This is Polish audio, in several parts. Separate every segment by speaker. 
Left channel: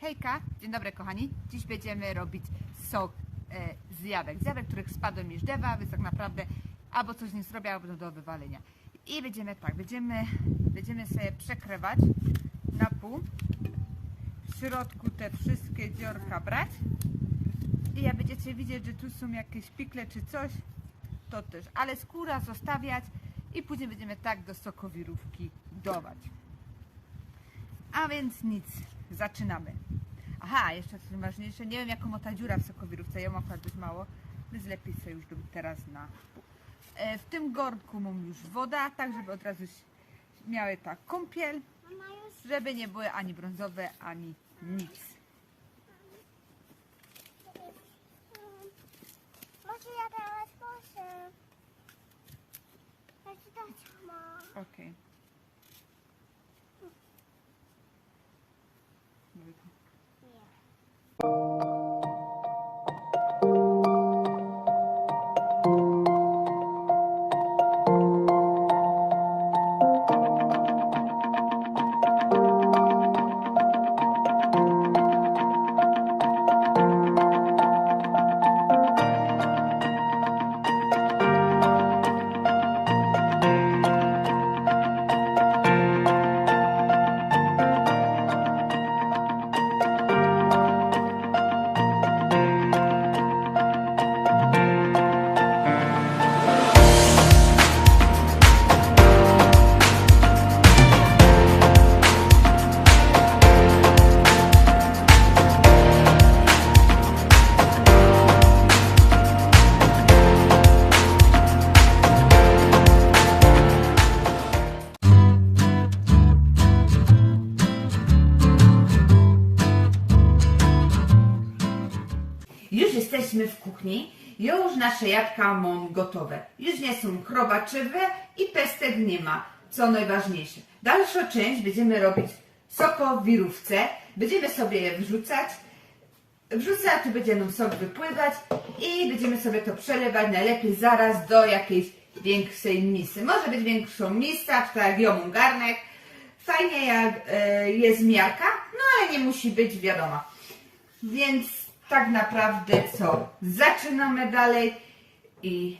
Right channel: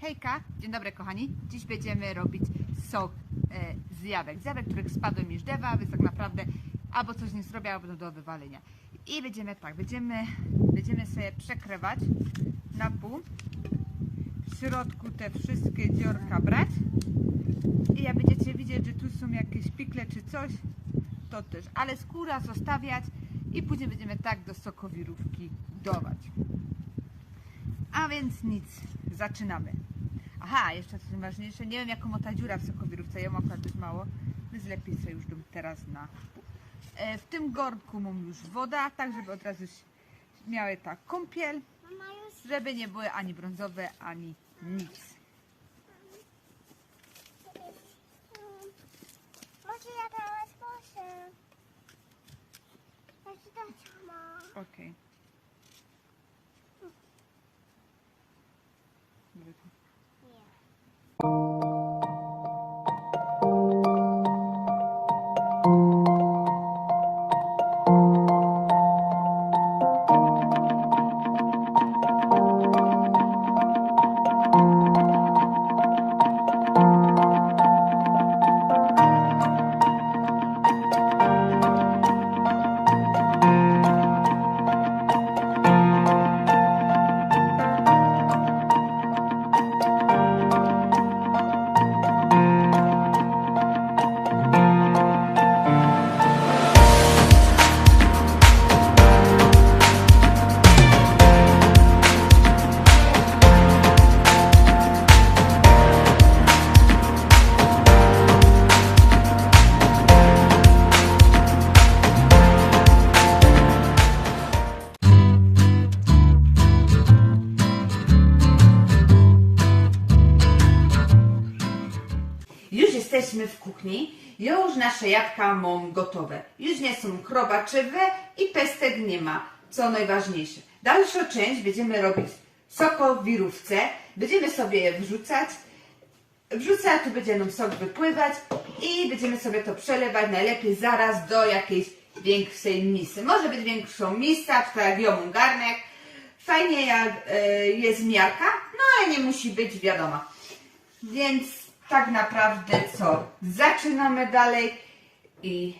Speaker 1: Hejka, dzień dobry kochani. Dziś będziemy robić sok e, z jabłek. Z jabłek, których spadły mi z drzewa, więc tak naprawdę albo coś nie zrobię, albo do wywalenia. I będziemy tak, będziemy, będziemy sobie przekrywać na pół. W środku te wszystkie dziorka brać. I jak będziecie widzieć, że tu są jakieś pikle czy coś, to też. Ale skóra zostawiać i później będziemy tak do sokowirówki dować. A więc nic, zaczynamy. Aha, jeszcze coś ważniejsze, nie wiem jaką ma ta dziura w sokowirówce, ja mam akurat dość mało, więc lepiej sobie już teraz na. E, W tym gornku mam już woda, tak żeby od razu miały tak kąpiel, żeby nie były ani brązowe, ani nic.
Speaker 2: Może ja teraz muszę. Ja ci dać, mama.
Speaker 1: Okej.
Speaker 2: Nie.
Speaker 1: Jesteśmy w kuchni. Już nasze jabłka mam gotowe. Już nie są chrobaczywe i pestek nie ma, co najważniejsze. Dalszą część będziemy robić sokowirówce. Będziemy sobie je wrzucać. Wrzucę, a tu będzie nam sok wypływać i będziemy sobie to przelewać najlepiej zaraz do jakiejś większej misy. Może być większą misa, tak jak garnek. Fajnie jak e, jest miarka, no ale nie musi być wiadoma. Więc tak naprawdę co? Zaczynamy dalej i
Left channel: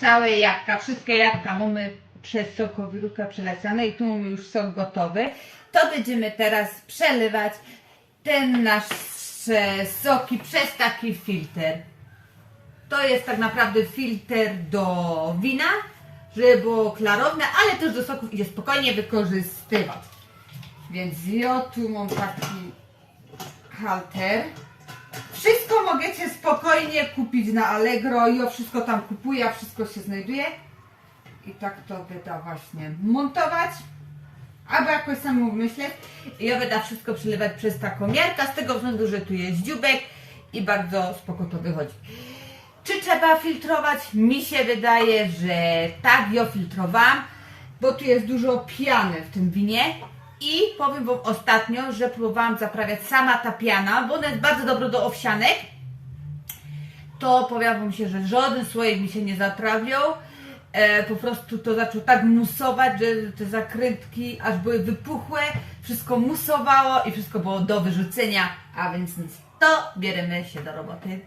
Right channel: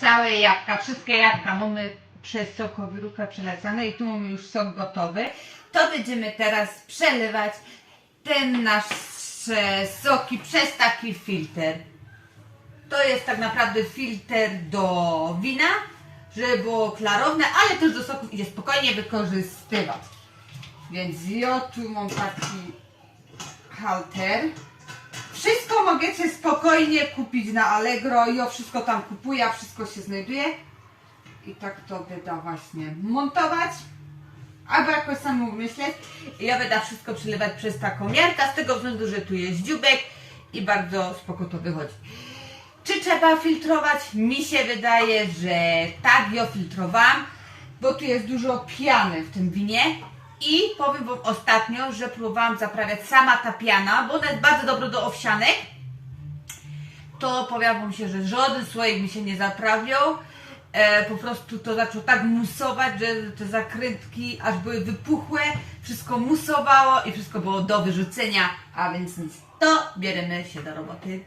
Speaker 1: całe jabłka, wszystkie jabłka mamy przez sokowirówkę przelecane i tu mamy już sok gotowy. To będziemy teraz przelewać ten nasz e, soki przez taki filtr. To jest tak naprawdę filtr do wina, żeby było klarowne, ale też do soków idzie spokojnie wykorzystywać. Więc ja tu mam taki halter. Wszystko możecie spokojnie kupić na Allegro. Ja wszystko tam kupuję, wszystko się znajduje. I tak to będę właśnie montować. Albo jakoś sam myśleć. I ja będę wszystko przelewać przez taką miarkę, z tego względu, że tu jest dziubek i bardzo spoko to wychodzi. Czy trzeba filtrować? Mi się wydaje, że tak, ja filtrowałam, bo tu jest dużo piany w tym winie I powiem Wam ostatnio, że próbowałam zaprawiać sama ta piana, bo ona jest bardzo dobra do owsianek. To powiem Wam się, że żaden słoik mi się nie zaprawiał. E, po prostu to zaczął tak musować, że te zakrętki aż były wypuchłe, wszystko musowało i wszystko było do wyrzucenia, a więc nic. To bierzemy się do roboty.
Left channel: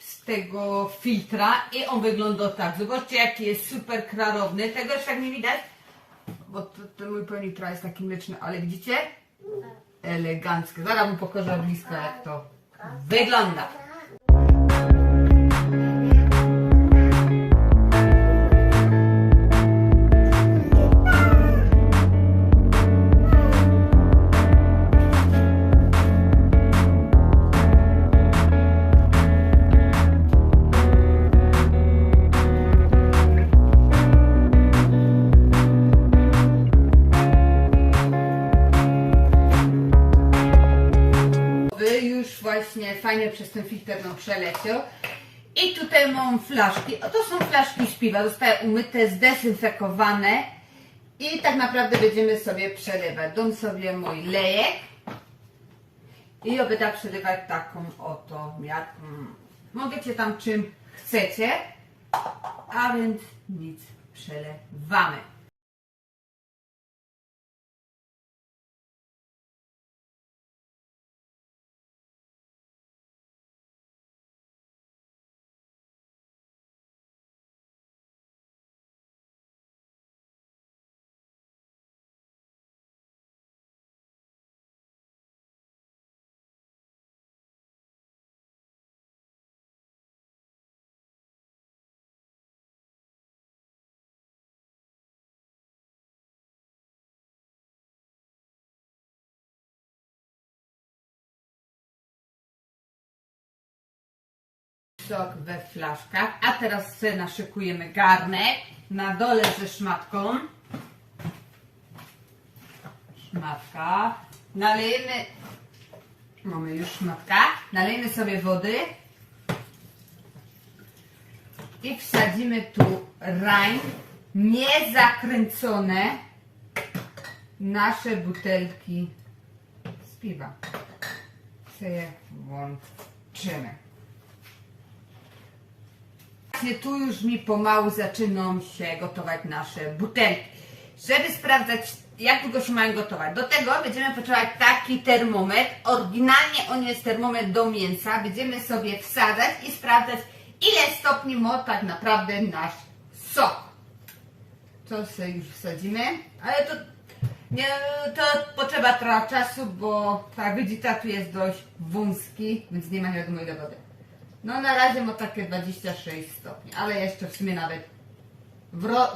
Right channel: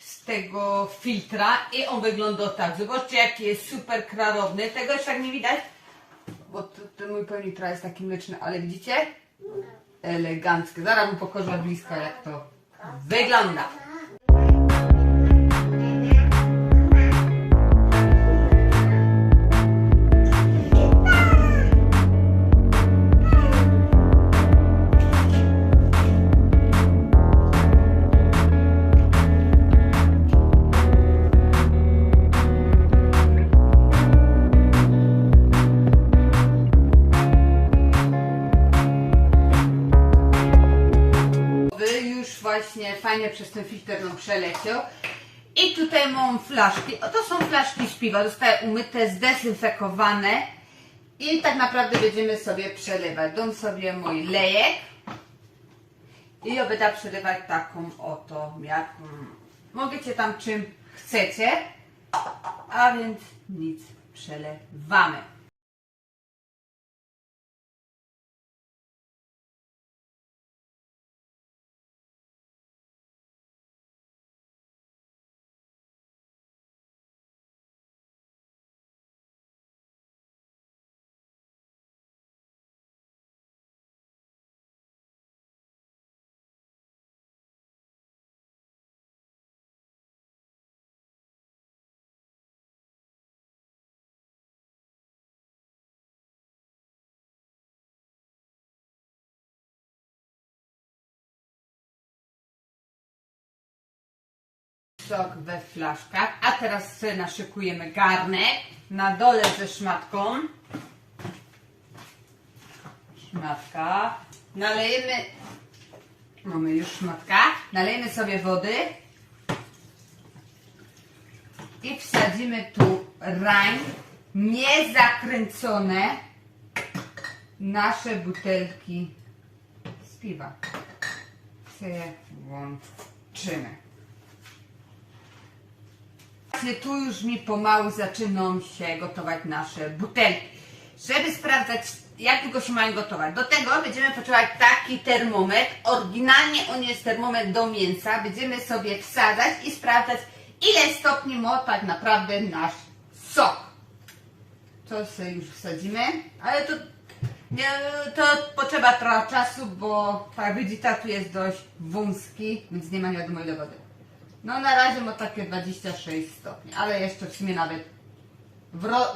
Speaker 1: Z tego filtra i on wygląda tak. Zobaczcie jaki jest super klarowny. Tego już tak nie widać, bo to, ten mój pełnik trochę jest taki mleczny, ale widzicie? Eleganckie. Zaraz mu pokażę blisko jak to wygląda. Właśnie fajnie przez ten filtr nam przeleciał. I tutaj mam flaszki. O, to są flaszki z piwa. Zostały umyte, zdezynfekowane. I tak naprawdę będziemy sobie przelewać. Dam sobie mój lejek. I ja będę przelewać taką oto miarką. Możecie tam czym chcecie. A więc nic przelewamy. Sok we flaszkach. A teraz naszykujemy garnek na dole ze szmatką. Szmatka. Nalejemy. Mamy już szmatka. Nalejemy sobie wody. I wsadzimy tu rań niezakręcone nasze butelki z piwa. Włączymy. Właśnie tu już mi pomału zaczynają się gotować nasze butelki. Żeby sprawdzać, jak długo się mają gotować. Do tego będziemy potrzebować taki termometr. Oryginalnie on jest termometr do mięsa. Będziemy sobie wsadzać i sprawdzać, ile stopni ma tak naprawdę nasz sok. To sobie już wsadzimy, ale to, nie, to potrzeba trochę czasu, bo widzicie, tu jest dość wąski, więc nie ma wiadomo ile wody. No na razie ma takie 26 stopni, ale jeszcze w sumie nawet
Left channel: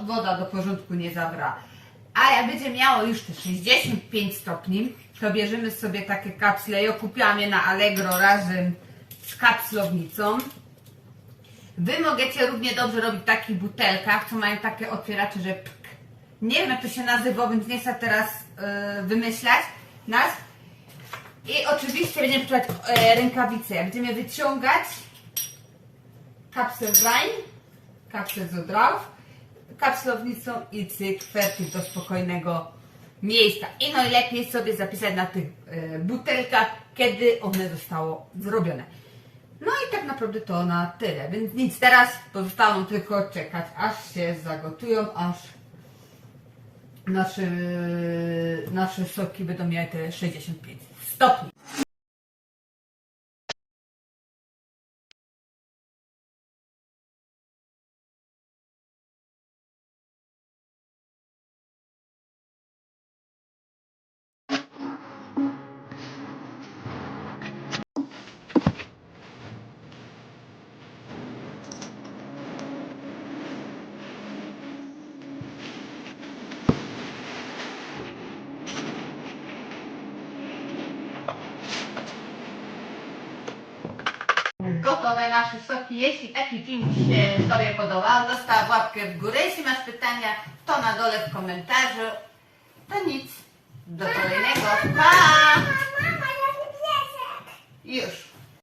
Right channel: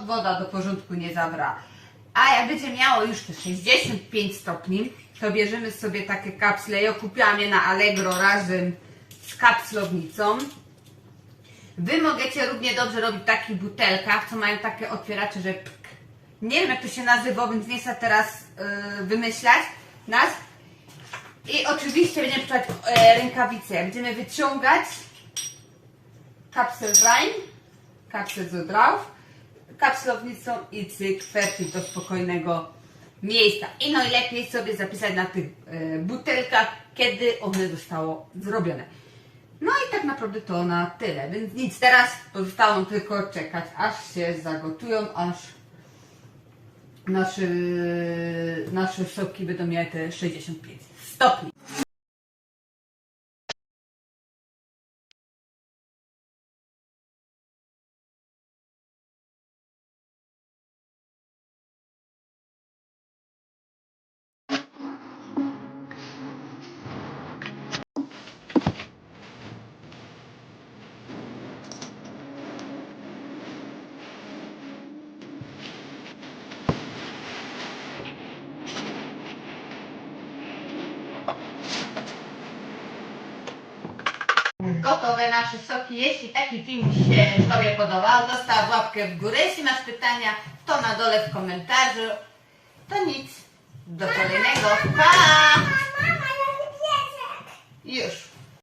Speaker 1: woda do porządku nie zabrała. A jak będzie miało już te 65 stopni, to bierzemy sobie takie kapsle. Ja kupiłam je na Allegro razem z kapslownicą. Wy możecie równie dobrze robić w takich butelkach, co mają takie otwieracze, że pk. Nie wiem jak to się nazywa, więc nie chcę teraz yy, wymyślać nas. I oczywiście będziemy potrzebować e, rękawice. Będziemy wyciągać kapsel rań, kapsel z odraów, kapslownicą i cyk, fertyl do spokojnego miejsca. I najlepiej sobie zapisać na tych e, butelkach, kiedy one zostało zrobione. No i tak naprawdę to na tyle, więc nic, teraz pozostało tylko czekać, aż się zagotują, aż nasze, nasze soki będą miały te 65 stopni. nasz wysoki. Jeśli taki film się Tobie podobał, zostaw łapkę w górę. Jeśli masz pytania, to na dole w komentarzu. To nic. Do kolejnego. Pa! Już.